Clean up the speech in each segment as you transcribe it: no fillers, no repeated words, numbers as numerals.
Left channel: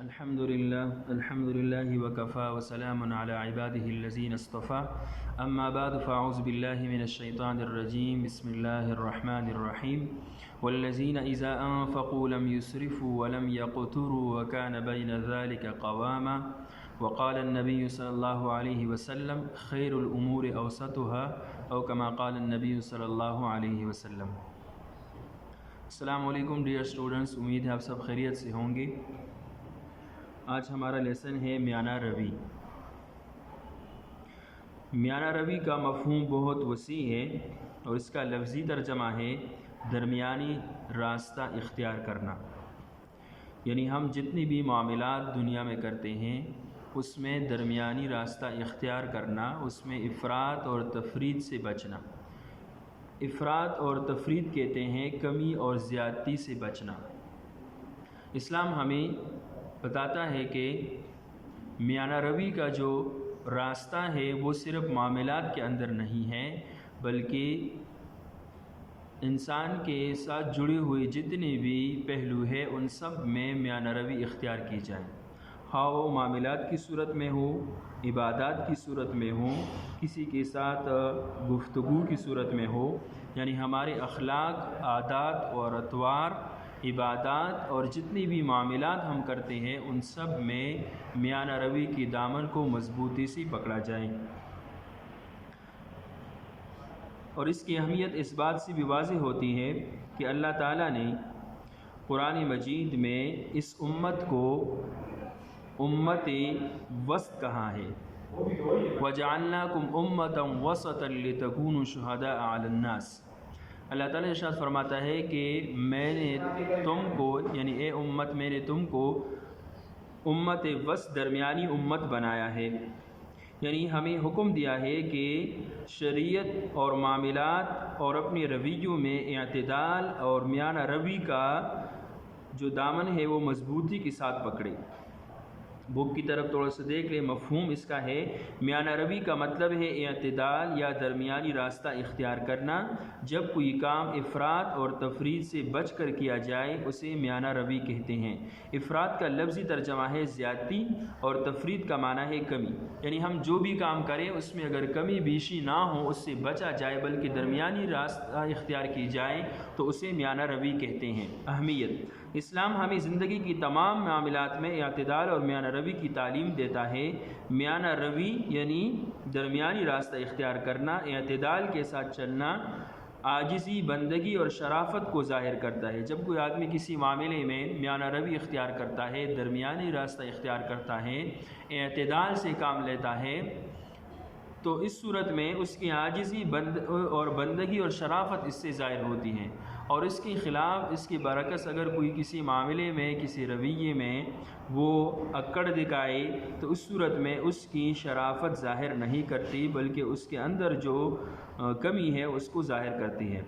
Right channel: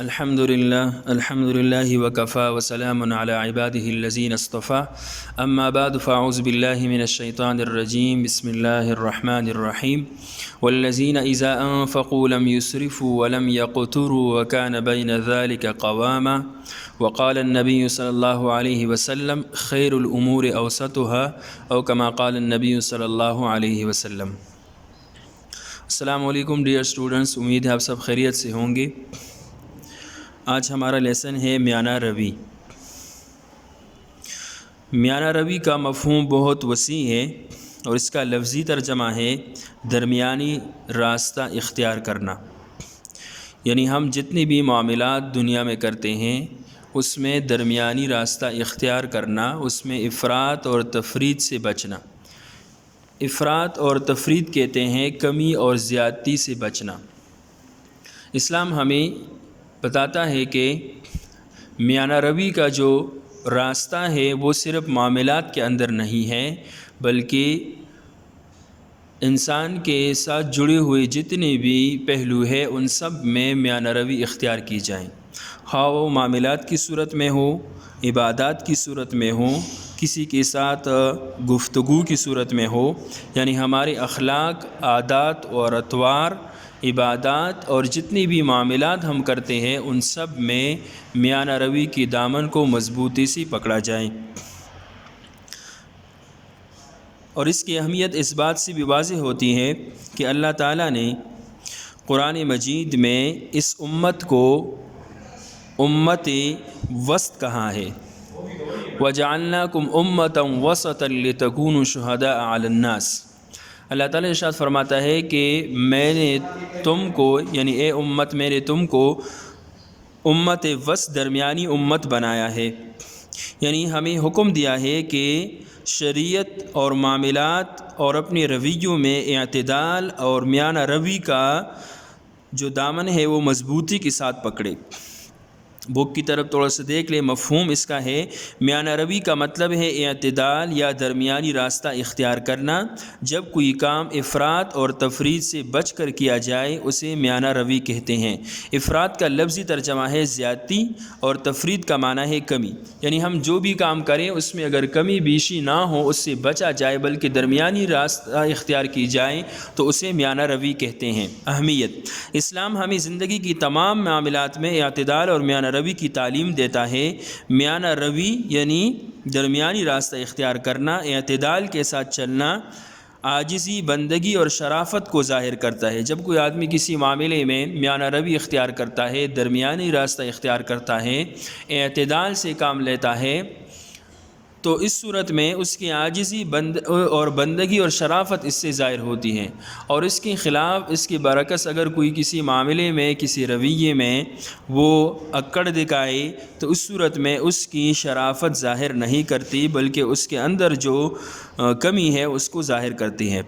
الحمد لله وكفى وسلام على عباده الذين اصطفى أما بعد فأعوذ بالله من الشيطان الرجيم بسم الله الرحمن الرحيم والذين إذا أنفقوا لم يسرفوا ولم يقتروا وكان بين ذلك قواما وقال النبي صلى الله عليه وسلم خير الأمور أوسطها أو كما قال النبي صلی اللہ علیہ وسلم۔ السلام علیکم ڈیئر اسٹوڈنٹس، امید ہے آپ سب خیریت سے ہوں گے۔ آج ہمارا لیسن ہے میانہ روی۔ میانہ روی کا مفہوم بہت وسیع ہے اور اس کا لفظی ترجمہ ہے درمیانی راستہ اختیار کرنا، یعنی ہم جتنی بھی معاملات دنیا میں کرتے ہیں اس میں درمیانی راستہ اختیار کرنا، اس میں افراط اور تفریط سے بچنا۔ افراط اور تفریط کہتے ہیں کمی اور زیادتی سے بچنا۔ اسلام ہمیں بتاتا ہے کہ میانہ روی کا جو راستہ ہے وہ صرف معاملات کے اندر نہیں ہے، بلکہ انسان کے ساتھ جڑے ہوئے جتنے بھی پہلو ہیں ان سب میں میانہ روی اختیار کی جائیں، خواہ وہ معاملات کی صورت میں ہو، عبادات کی صورت میں ہو، کسی کے ساتھ گفتگو کی صورت میں ہو، یعنی ہمارے اخلاق، عادات اور اطوار، عبادات اور جتنی بھی معاملات ہم کرتے ہیں ان سب میں میانہ روی کی دامن کو مضبوطی سے پکڑا جائے۔ اور اس کی اہمیت اس بات سے بھی واضح ہوتی ہے کہ اللہ تعالیٰ نے قرآن مجید میں اس امت کو امت وسط کہا ہے۔ وَجَعَلْنَاكُمْ أُمَّةً وَسَطًا لِتَكُونُوا شُهَدَاءَ عَلَى النَّاسِ۔ اللہ تعالیٰ ارشاد فرماتا ہے کہ میں نے تم کو، یعنی اے امت، میں نے تم کو امت وسط، درمیانی امت بنایا ہے، یعنی ہمیں حکم دیا ہے کہ شریعت اور معاملات اور اپنے رویوں میں اعتدال اور میانہ روی کا جو دامن ہے وہ مضبوطی کے ساتھ پکڑے۔ بک کی طرف تھوڑا سا دیکھ لیں، مفہوم اس کا ہے میانہ روی کا مطلب ہے اعتدال یا درمیانی راستہ اختیار کرنا۔ جب کوئی کام افراط اور تفریط سے بچ کر کیا جائے اسے میانہ روی کہتے ہیں۔ افراط کا لفظی ترجمہ ہے زیادتی اور تفریط کا معنی ہے کمی، یعنی ہم جو بھی کام کریں اس میں اگر کمی بیشی نہ ہو اس سے بچا جائے بلکہ درمیانی راستہ اختیار کی جائے تو اسے میانہ روی کہتے ہیں۔ اہمیت: اسلام ہمیں زندگی کی تمام معاملات میں اعتدال اور میانہ روی کی تعلیم دیتا ہے۔ میانہ روی یعنی درمیانی راستہ اختیار کرنا، اعتدال کے ساتھ چلنا، عاجزی، بندگی اور شرافت کو ظاہر کرتا ہے۔ جب کوئی آدمی کسی معاملے میں میانہ روی اختیار کرتا ہے، درمیانی راستہ اختیار کرتا ہے، اعتدال سے کام لیتا ہے، تو اس صورت میں اس کی عاجزی اور بندگی اور شرافت اس سے ظاہر ہوتی ہے، اور اس کے خلاف، اس کے برعکس اگر کوئی کسی معاملے میں، کسی رویے میں وہ اکڑ دکھائے تو اس صورت میں اس کی شرافت ظاہر نہیں کرتی بلکہ اس کے اندر جو کمی ہے اس کو ظاہر کرتی ہے۔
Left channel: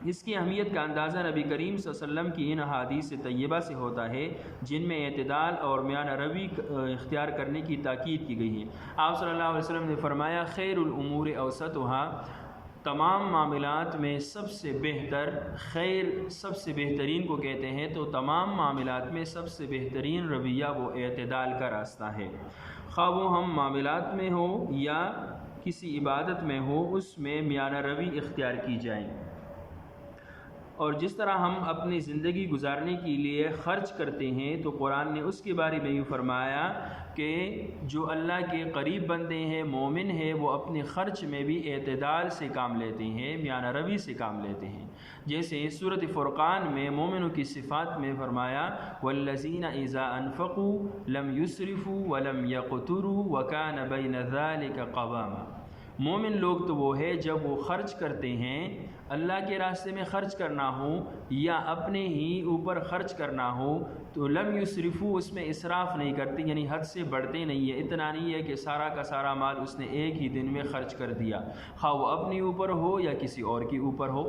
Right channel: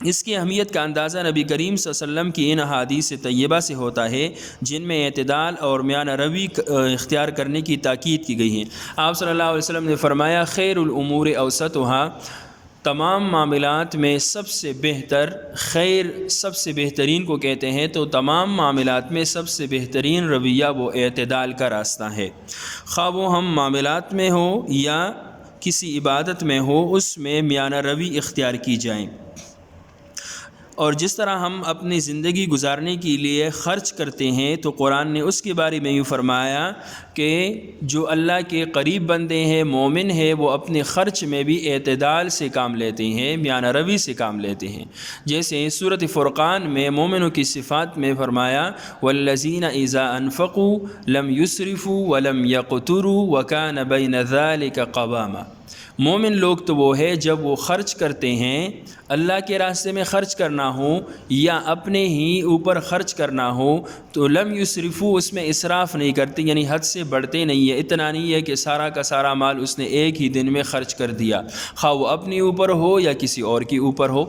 اس کی اہمیت کا اندازہ نبی کریم صلی اللہ علیہ وسلم کی ان احادیث طیبہ سے ہوتا ہے جن میں اعتدال اور میانہ روی اختیار کرنے کی تاکید کی گئی ہے۔ آپ صلی اللہ علیہ وسلم نے فرمایا خیر الامور اوسطها، تمام معاملات میں سب سے بہتر، خیر سب سے بہترین کو کہتے ہیں، تو تمام معاملات میں سب سے بہترین رویہ وہ اعتدال کا راستہ ہے، خواہ وہ ہم معاملات میں ہو یا کسی عبادت میں ہو، اس میں میانہ روی اختیار کی جائیں۔ اور جس طرح ہم اپنی زندگی گزارنے کے لیے خرچ کرتے ہیں تو قرآن نے اس کے بارے میں یوں فرمایا کہ جو اللہ کے قریب بندے ہیں، مومن ہیں، وہ اپنے خرچ میں بھی اعتدال سے کام لیتے ہیں، میانہ روی سے کام لیتے ہیں۔ جیسے سورۃ فرقان میں مومنوں کی صفات میں فرمایا والذین اذا انفقوا لم یسرفوا ولم یقتروا وکان بین ذلک قواما۔ مومن لوگ تو وہ ہے جب وہ خرچ کرتے ہیں، اللہ کے راستے میں خرچ کرنا ہو یا اپنے ہی اوپر خرچ کرنا ہو تو لم یسرفوا، اس میں اسراف نہیں کرتے، یعنی حد سے بڑھتے نہیں ہے، اتنا نہیں ہے کہ سارا کا سارا مال اس نے ایک ہی دن میں خرچ کر دیا، خواہ وہ اپنے اوپر ہو یا کسی اور کے اوپر ہو۔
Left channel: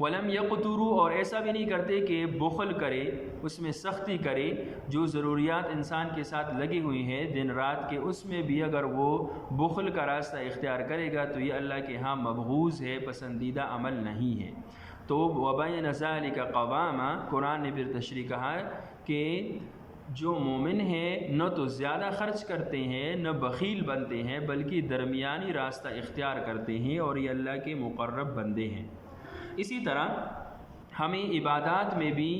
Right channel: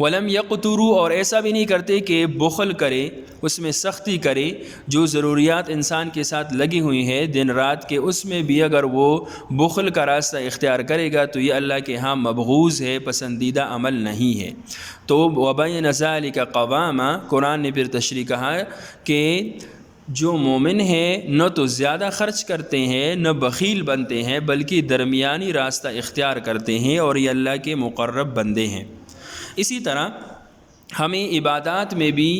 ولم یقتروا، اور ایسا بھی نہیں کرتے کہ بخل کرے، اس میں سختی کرے، جو ضروریات انسان کے ساتھ لگی ہوئی ہیں دن رات کے، اس میں بھی اگر وہ بخل کا راستہ اختیار کرے گا تو یہ اللہ کے ہاں مبغوض ہے، پسندیدہ عمل نہیں ہے۔ تو وَبَيْنَ ذَلِكَ قَوَامًا، قرآن نے پھر تشریح کہا کہ جو مومن ہیں نہ تو زیادہ خرچ کرتے ہیں نہ بخیل بنتے ہیں، بلکہ درمیانی راستہ اختیار کرتے ہیں، اور یہ اللہ کے مقرب بندے ہیں۔ اسی طرح ہمیں عبادات میں بھی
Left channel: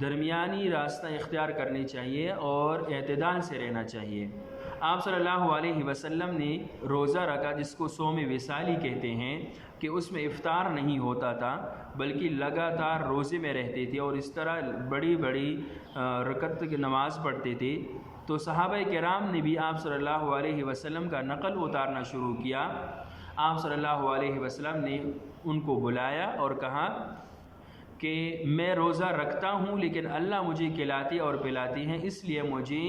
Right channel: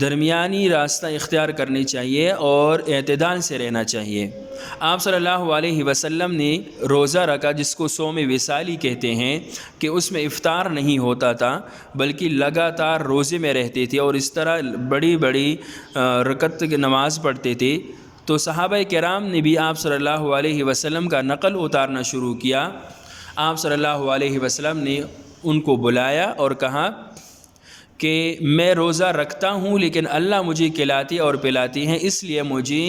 درمیانی راستہ اختیار کرنی چاہیے اور اعتدال سے رہنا چاہیے۔ آپ صلی اللہ علیہ وسلم نے روزہ رکھا جس کو صوم وصالی کہتے ہیں، کہ اس میں افطار نہیں ہوتا تھا بلکہ لگاتار روزے میں رہتے تھے، اور اس طرح بڑی بڑی رکعت کی نماز پڑھتے تھے۔ تو صحابہ کرام نے بھی آپ صلی اللہ علیہ وسلم کا نقل اتارنا شروع کیا۔ آپ صلی اللہ علیہ وسلم نے ان کو بلایا اور کہا کہ میں روزہ رکھتا ہوں لیکن اللہ مجھے کھلاتے اور پلاتے ہیں، اس لیے مجھے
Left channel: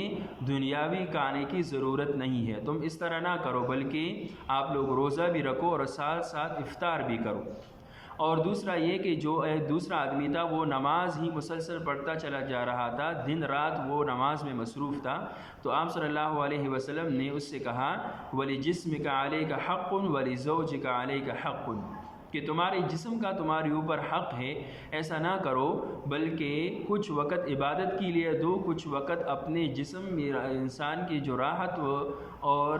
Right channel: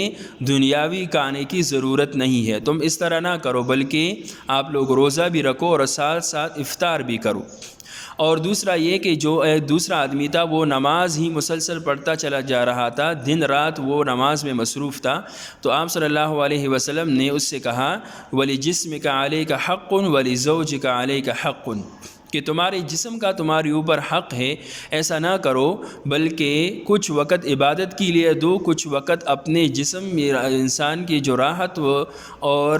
دنیاوی کھانے کی ضرورت نہیں ہے، تم اس طرح نہ کرو، بلکہ آپ لوگ روزہ بھی رکھو اور ساتھ ساتھ افطار بھی کرو۔ اور دوسرا یہ کہ جو ایک دوسرا آدمی تھا وہ نماز ہی مسلسل پڑھتا چلا جا رہا تھا، دن رات وہ نماز میں مصروف تھا، تو آپ صلی اللہ علیہ وسلم نے اس سے کہا وَلِجِسْمِكَ عَلَيْكَ حَقٌّ وَلِزَوْجِكَ عَلَيْكَ حَقٌّ، کہ تمہارے جسم کا تمہارے اوپر حق ہے، ایسا نہ کرو بلکہ کچھ وقت عبادت کے لیے دو، کچھ وقت اپنے جسم انسان کی جو راحت اور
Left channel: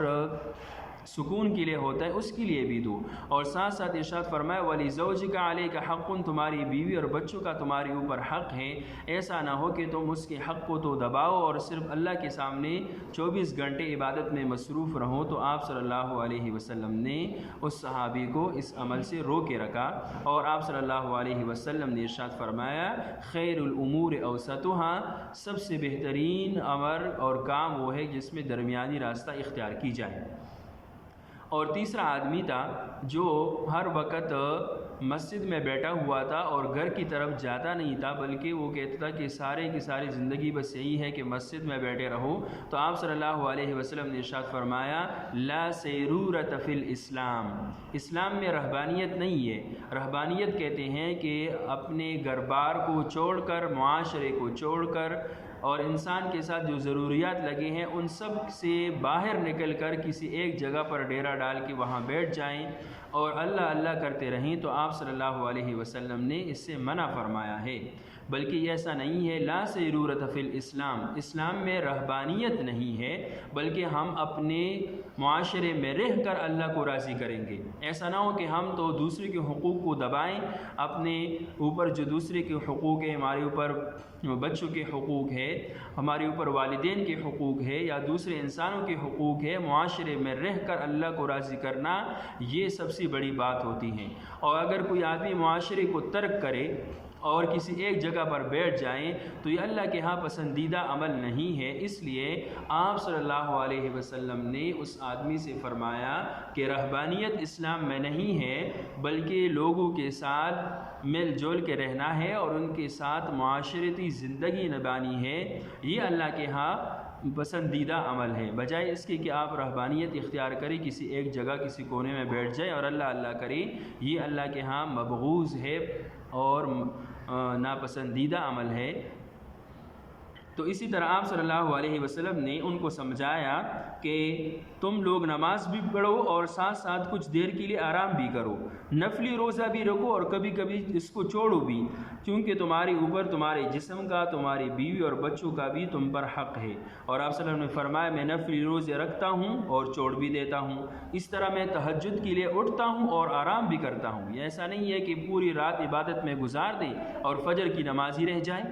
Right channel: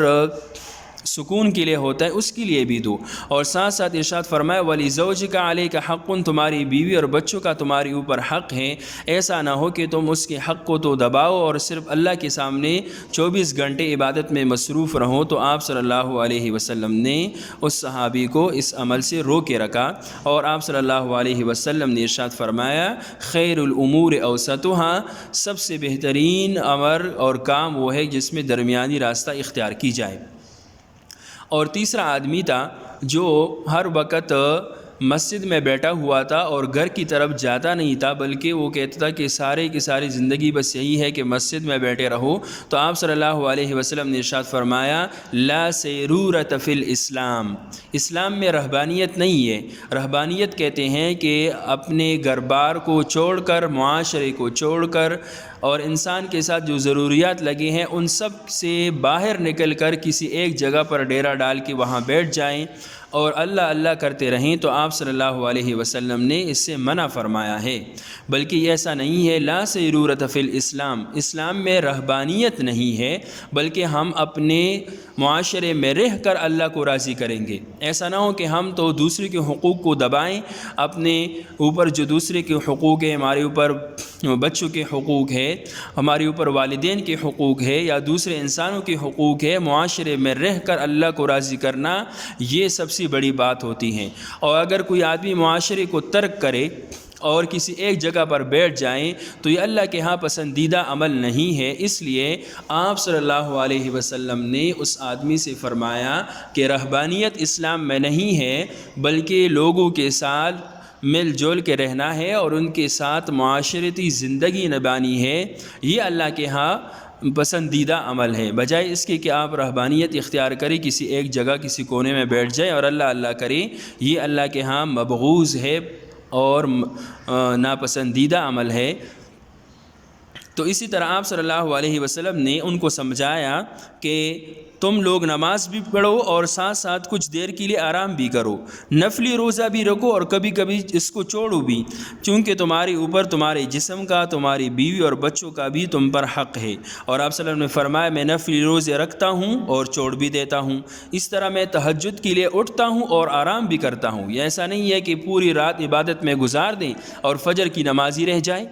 سکون کے لیے ہوتا ہے اس کے لیے بھی دو۔ اور ساتھ ساتھ ارشاد فرمایا وَلِزَوْجِكَ عَلَيْكَ حَقٌّ، تمہاری بیوی اور بچوں کا تمہارے اوپر حق ہے، ایسا نہ ہو کہ تم اس کے حق کو تو دباؤ اور صرف اللہ کے سامنے 24 گھنٹے عبادت میں مصروف رہو۔ تو آپ صلی اللہ علیہ وسلم نے اس صحابی کو اس عمل سے رو کے رکھا، اور آپ صلی اللہ علیہ وسلم نے ارشاد فرمایا خیر الامور اوسطها، سب سے بہترین امر اور کام وہ ہے جس میں درمیانی راستہ اختیار کی جائے۔ اور تیسرا آدمی تھا جو ہر وقت مسجد میں بیٹھا ہوا تھا اور گھر کی طرف جاتا نہیں تھا، بلکہ وہ کہتا تھا کہ سارے کی ساری زندگی بس یہی ہے کہ مسجد میں بیٹھے رہو۔ تو آپ صلی اللہ علیہ وسلم نے ارشاد فرمایا لا سیرورۃ فی الاسلام، اسلام میں رہبانیت نہیں ہے۔ رہبانیت کہتے ہیں کہ اپنے گھر بار کو چھوڑ کر، معاشرے کو چھوڑ کر، اور انسان کے ساتھ جو ضروریات لگے ہیں ان سب سے باہر نکل کر کسی ایک جگہ پر ڈیرا ڈال کے وہاں بیٹھ جائیں اور اللہ اللہ کرتے رہیں۔ تو آپ صلی اللہ علیہ وسلم نے اس سے منع فرمایا ہے، بلکہ ایسا نہیں ہے۔ لا سیرورۃ فی الاسلام، اسلام میں رہبانیت نہیں ہے، بلکہ ہم اپنے معاشرے میں رہ کر اللہ کو راضی کریں گے۔ ایسا نہ ہو کہ ہم تو دوسرے کے حقوق کو دبائیں، اپنے اوپر جو دوسرے کے حقوق ہیں، ہمارے اوپر بچوں کے حقوق ہے، ہمارے اوپر والدین کے حقوق ہے، یا دوسرے انسانوں کے حقوق ہے، معاشرے میں رہ کر اللہ کو راضی کرنا یہ سب سے بڑی بات ہوتی ہے۔ اور اگر کوئی آدمی معاشرے کو ترک کرے اور کسی ایک جگہ پر بیٹھ جائیں تو یہ اللہ کے ہاں پسندیدہ عمل نہیں ہے۔ اس لیے آپ صلی اللہ علیہ وسلم نے اس آدمی سے فرمایا کہ رہبانیت اسلام میں نہیں ہے، بلکہ لوگوں کے ساتھ مل جل کے رہنا ہے اور ان کے ساتھ معاشرتی زندگی نبھانی ہے، یہ اللہ کے ہاں پسندیدہ عمل ہے، بجائے اس کے کہ آپ رہبانیت اختیار کریں، کسی ایک جگہ کسی کونے میں بیٹھ جائیں اور اللہ اللہ کریں، یہ اللہ کے ہاں مبغوض ہے اور ناپسندیدہ عمل ہے۔ تو اسی طرح آپ صلی اللہ علیہ وسلم نے ان کو سمجھایا کہ تم لوگ نماز بھی پڑھو اور ساتھ ساتھ کچھ دیر کے لیے آرام بھی کرو، نفلی روزہ بھی رکھو اور کبھی کبھی اس کو چھوڑو بھی، چونکہ تمہارے اوپر تمہارے جسم کا، تمہاری بیوی اور بچوں کا بھی تم پر حق ہے۔ اور آپ صلی اللہ علیہ وسلم نے فرمایا میں نفلی روزے رکھتا ہوں اور چھوڑ بھی دیتا ہوں، اس طرح میں تہجد کے لیے اٹھتا ہوں اور آرام بھی کرتا ہوں۔ یہ ایسا نہیں ہے کہ پوری رات عبادت میں گزار دیں اور فجر کی نماز ہی رہ جائے۔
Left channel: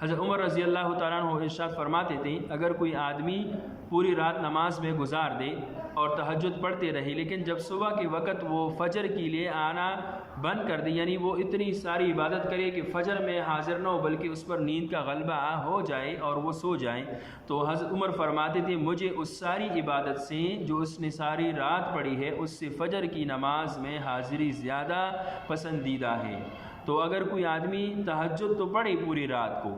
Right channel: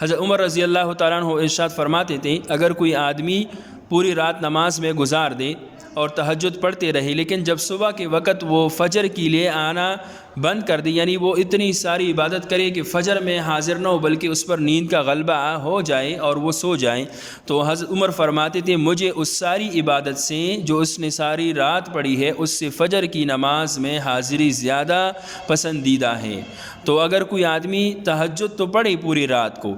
حضرت عمر رضی اللہ تعالیٰ عنہ ارشاد فرماتے تھے اگر کوئی آدمی پوری رات نماز میں گزار دے اور تہجد پڑھتے رہے، لیکن جب صبح کے وقت وہ فجر کے لیے آنا بند کر دے، یعنی وہ اتنی ساری عبادت کرے کہ فجر میں حاضر نہ ہو بلکہ اس پر نیند کا غلبہ ہو جائے اور وہ سو جائیں، تو حضرت عمر فرماتے تھے مجھے اس ساری عبادت سے جو اس نے ساری رات پڑھی ہے اس سے فجر کی نماز میں حاضری زیادہ پسندیدہ ہے۔ تو اگر کوئی آدمی تہجد تو پڑھے پوری رات کو،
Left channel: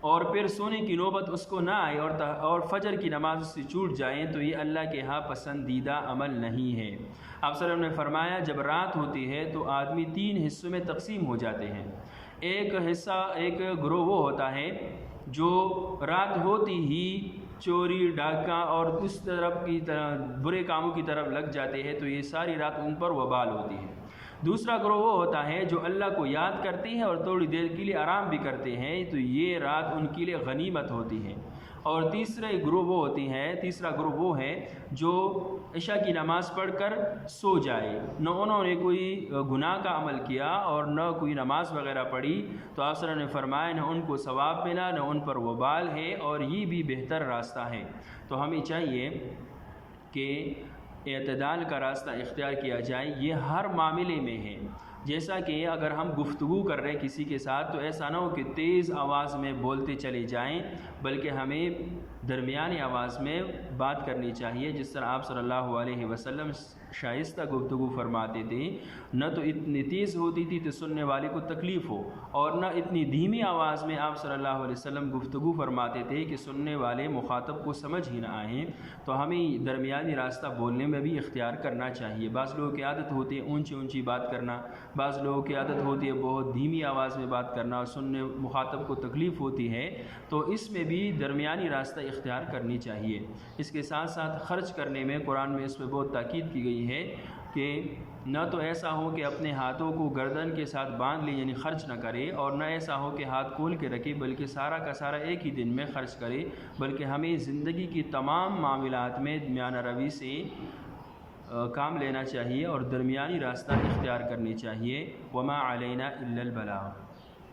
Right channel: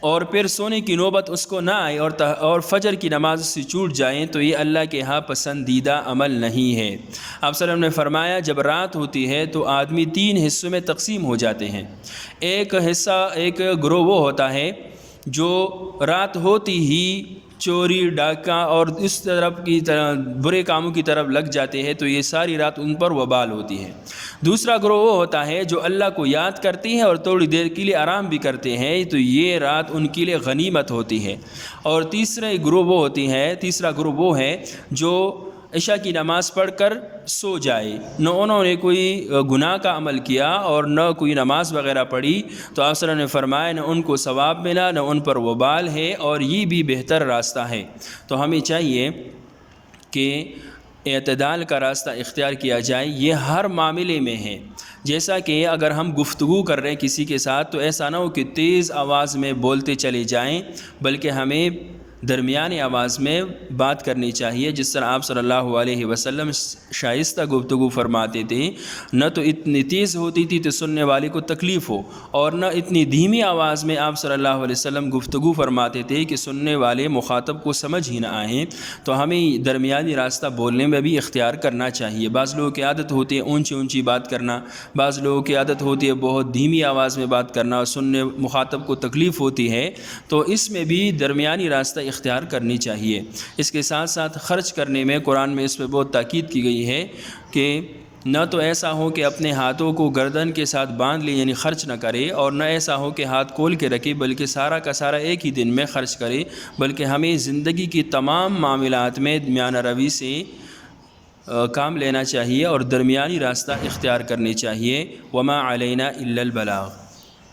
اور پھر سونے کی نوبت اس کو نہ آئے اور فجر کی نماز سے چھوٹ جائیں تو یہ اللہ کے ہاں پسندیدہ عمل نہیں ہے۔ آپ صلی اللہ علیہ وسلم نے فرمایا جب رات ہوتی ہے تو آدمی 3 حصوں میں تقسیم ہو جاتے ہیں۔ ایک گروہ وہ ہوتا ہے جو رات ہوتی ہی چوری ڈاکہ اور اس طرح برے کاموں کی طرف لگ جاتے ہیں، تو یہ ساری رات ان پر وبال ہوتی ہے۔ دوسرا گروہ وہ ہوتا ہے جو اللہ کو یاد کرتی ہے اور تھوڑی دیر کے لیے آرام بھی کرتے ہیں، تو یہ رات ان کے لیے غنیمت ہوتی ہے۔ اور تیسرا گروہ وہ ہے جو عشاء کی نماز پڑھ کر سو جائے، نہ انہوں نے کوئی گناہ کا عمل کیا اور نہ کوئی نماز وغیرہ پڑھی، تو آپ صلی اللہ علیہ وسلم نے فرمایا نہ ان کو ثواب ملا نہ ان پر وبال ہے، اور یہ بھی بہتر راستہ ہے۔ تو ہمیں چاہیے کہ اعتدال کا راستہ اختیار کیا جائے۔ یہ ہر معاملے میں ہے، جیسا کہ اگر ہم گفتگو کر رہے ہیں کسی کے ساتھ تو ایسا نہ ہو کہ تیز آواز میں بولتے چلے جائیں، بلکہ ہمیں درمیانی آواز میں بات کرنی چاہیے، جس طرح آپ صلی اللہ علیہ وسلم شائستہ گفتگو فرماتے تھے۔ نہ تو اتنی تیز ہوتی تھی تو سننے والے کو تکلیف ہو، اور نہ اتنی دھیمی آواز میں آپ صلی اللہ علیہ وسلم گفتگو فرماتے تھے کہ سننے والے مخاطب کو سمجھ ہی نہ آئیں۔ تو ہمیں درمیانی راستہ بولنے میں بھی اختیار کرنا چاہیے۔ بعض لوگوں کی عادت ہوتی ہے اونچی اونچی بات کرنا، بعض لوگوں کی عادت ہوتی ہے بہت دھیمی آواز میں بات کرنا اور سننے مخاطب کو تکلیف ہوتی ہے، تو اس میں بھی درمیانی راستہ اختیار کرنی چاہیے۔ اس کے ساتھ ساتھ خرچ کرنے میں قرآن میں اس پہ بہت تاکید کی گئی ہے کہ نہ تو ایسا ہو کہ اپنے ہاتھوں کو گردن کے ساتھ باندھ لے یعنی خرچ نہ کرے، اور نہ ایسا ہو کہ ہاتھ کھول کے رکھے بلکہ سارا کا سارا ایک ہی دن میں خرچ کرے، بلکہ ہمیں زندگی کی تمام معاملات میں میانہ روی سے کام لینا چاہیے اور درمیانی راستہ اختیار کرنی چاہیے۔ وما علینا الا البلاغ۔